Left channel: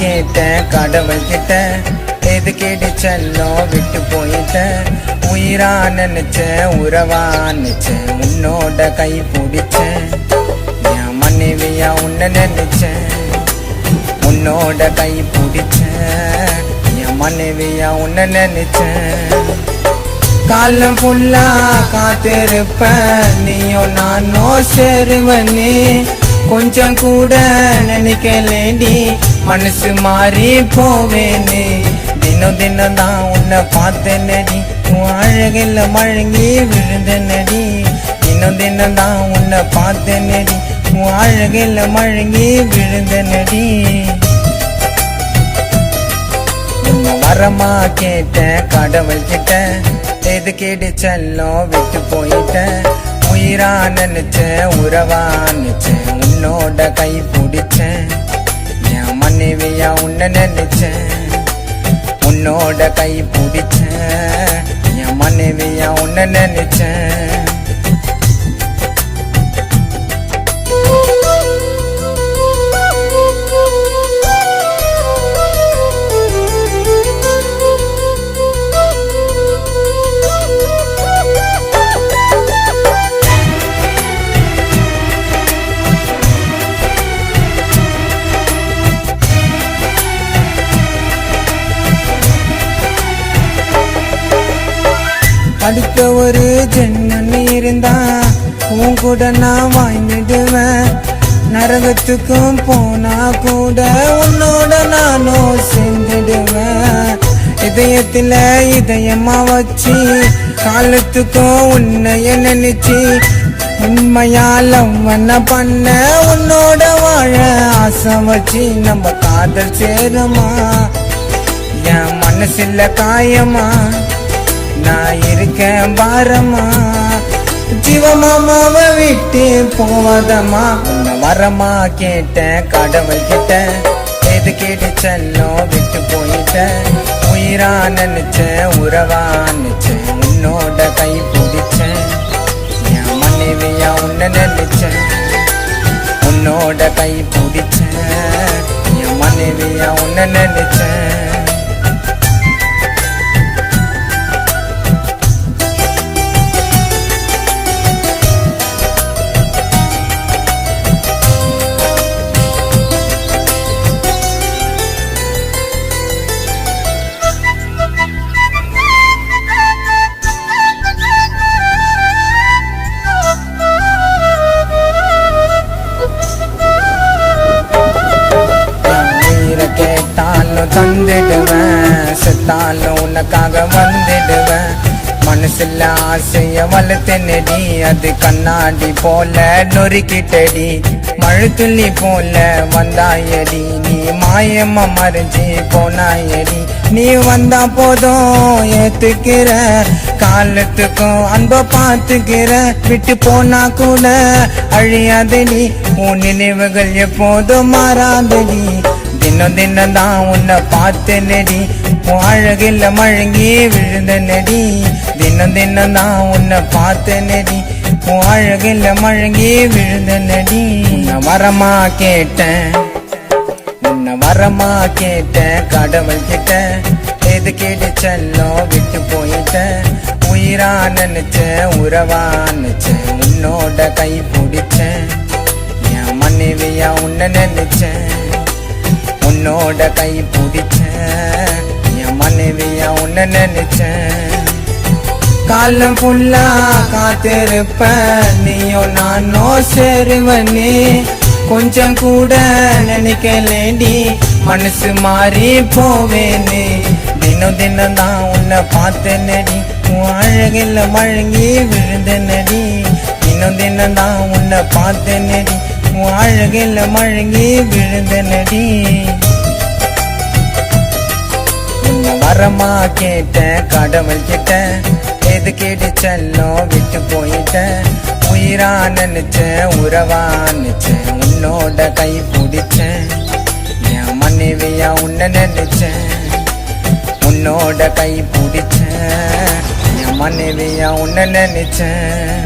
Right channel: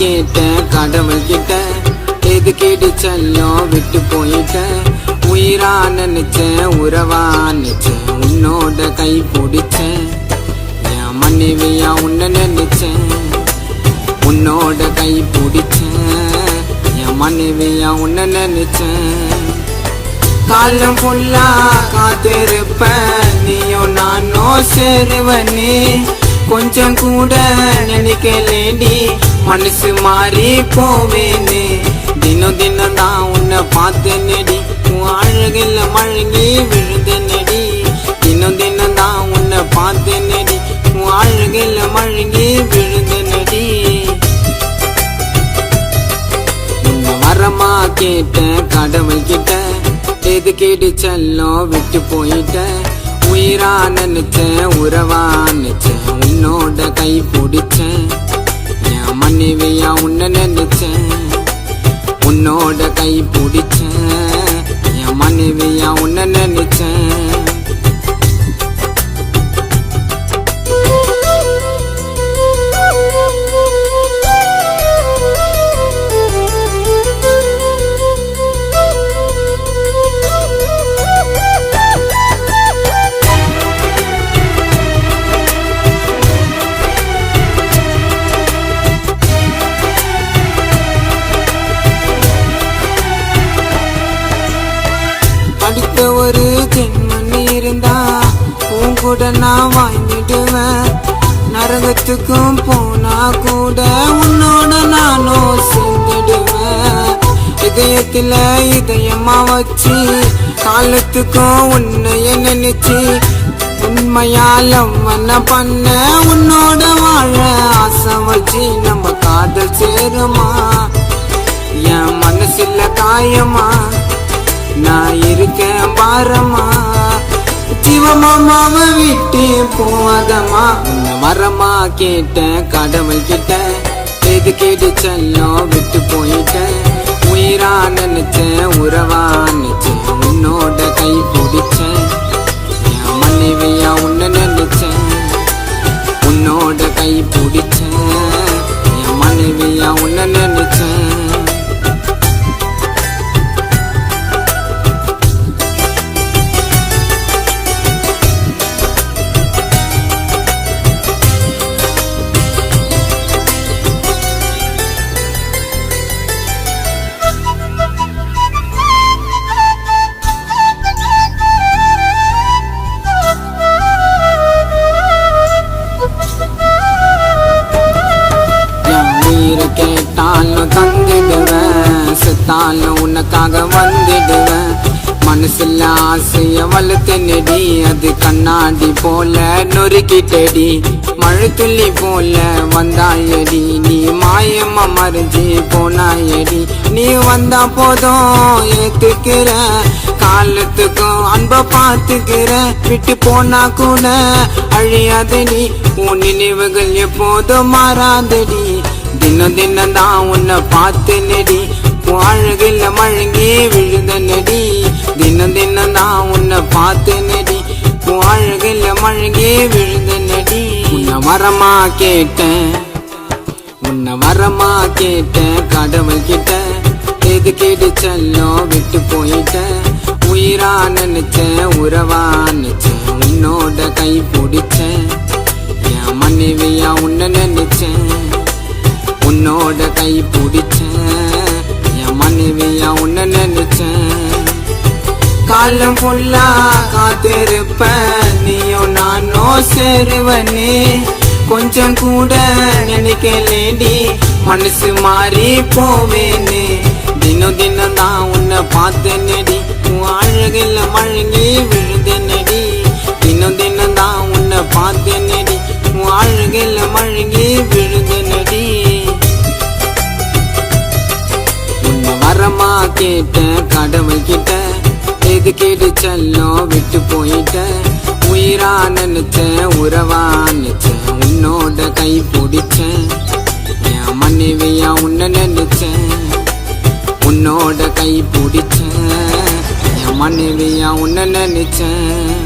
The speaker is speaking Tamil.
கேட்டேன் கடவுள் கிட்ட, எது கேட்டு செல்லம் விட்டு போயிட்டேன். உயிரா நினைச்சேன் உறவா நினைச்சேன், உன்னோட கை பிடிச்சேன். என் மனைவியா உன்னை நினைச்சேன், உன்னோட கை பிடிச்சேன். என் மனைவியா உன்னை நினைச்சேன். காலம் ஃபுல்லா காத்திருப்பேன், நீயும் நானும் சேருவனே. கொஞ்சம் கூட நினைக்கலேண்டி, மனசு மாறி போவேனே. தினம் தினம் தான் உன்னை பார்த்தேனடி, உன் அழகில் மழங்கி விழுந்தனடி. தினம் தினம் தான் உன்னை பார்த்தேனடி, உன் அழகில் மழங்கி விழுந்தனடி. உன்னை வரமா கேட்டேன் கடவுள் கிட்ட, எது கேட்டு செல்லம் விட்டு போயிட்டேன். உயிரா நினைச்சேன் உறவா நினைச்சேன், உன்னோட கை பிடிச்சேன். என் மனைவியா உன்னை நினைச்சேன், உன்னோட கை பிடிச்சேன். என் மனைவியா உன்னை நினைச்சேன். அடுத்த ஒரு ஜென்மன் இருந்தா உன் கூட நான் வாழ்ந்துடுவேன். நரகத்துக்கும் போனா கூட உன்னோட நானும் சேர்ந்துடுவேன். இதயத்துல இதயமா வச்சு காலத்துக்கும் உன்னைய நினைச்சு, உண்மையால பண்ண உன்னோட வாழ ஆசை வச்சு, நம்ம காதல் சேருமா? என் மனசுல காயமா நான் இருக்கேன் பாரமா? ஜீவமாமாவை விட்டு போவாதம்மா. உன்னை வரமா கேட்டேன் கடவுள் கிட்ட, எது கேட்டு செல்லம் விட்டு போயிட்டேன். உயிரா நினைச்சேன் உறவா நினைச்சேன், உன்னோட கை பிடிச்சேன். என் மனைவியா உன்னை நினைச்சேன், உன்னோட கை பிடிச்சேன். என் மனைவியா உன்னை நினைச்சேன். தந்துடுவேன், செத்தாலும் உனக்காக வந்துடுவேன். மனசுல ஆசைய வளர்த்தனடி, அது கண்ணாடி போல நொறுக்கிட்டடி. மழை துள்ளி போல வந்தாயடி, நீ மாயமா மறைஞ்சி போனாயடி. நீ வந்தா போதும் ஏத்துக்கிற, காலத்துக்கும் அன்ப பாத்துக்கிற. விட்டு போனா கூட அழியாதடி, உன் நினைவுகள் எப்போதும் மாறாதடி. தினம் தினம் தான் உன்னை பார்த்தனடி, உன் அழகில் மழங்கி விழுந்தனடி. தினம் தினம் தான் உன்னை பார்த்தனடி, உன் அழகில் மழங்கி விழுந்தனடி. உன்னை வரமா கேட்டேன், உன்னை வரமா கேட்டேன் கடவுள் கிட்ட, எது கேட்டு செல்லம் விட்டு போயிட்டேன். உயிரா நினைச்சேன் உறவா நினைச்சேன், உன்னோட கை பிடிச்சேன். என் மனைவியா உன்னை நினைச்சேன், உன்னோட கை பிடிச்சேன். என் மனைவியா உன்னை நினைச்சேன். காலம் ஃபுல்லா காத்திருப்பேன், நீயும் நானும் சேருவனே. கொஞ்சம் கூட நினைக்கலேண்டி, மனசு மாறி போவேனே. தினம் தினம் தான் உன்னை பார்த்தனடி, உன் அழகில் மழங்கி விழுந்தனடி. தினம் தினம் தான் உன்னை பார்த்தனடி, உன் அழகில் மழங்கி விழுந்தனடி. உன்னை வரமா கேட்டேன் கடவுள் கிட்ட, எது கேட்டு செல்லம் விட்டு போயிட்டேன். உயிரா நினைச்சேன் உறவா நினைச்சேன், உன்னோட கை பிடிச்சேன். என் மனைவியா உன்னை நினைச்சேன், உன்னோட கை பிடிச்சேன். என் மனைவியா உன்னை நினைச்சேன்.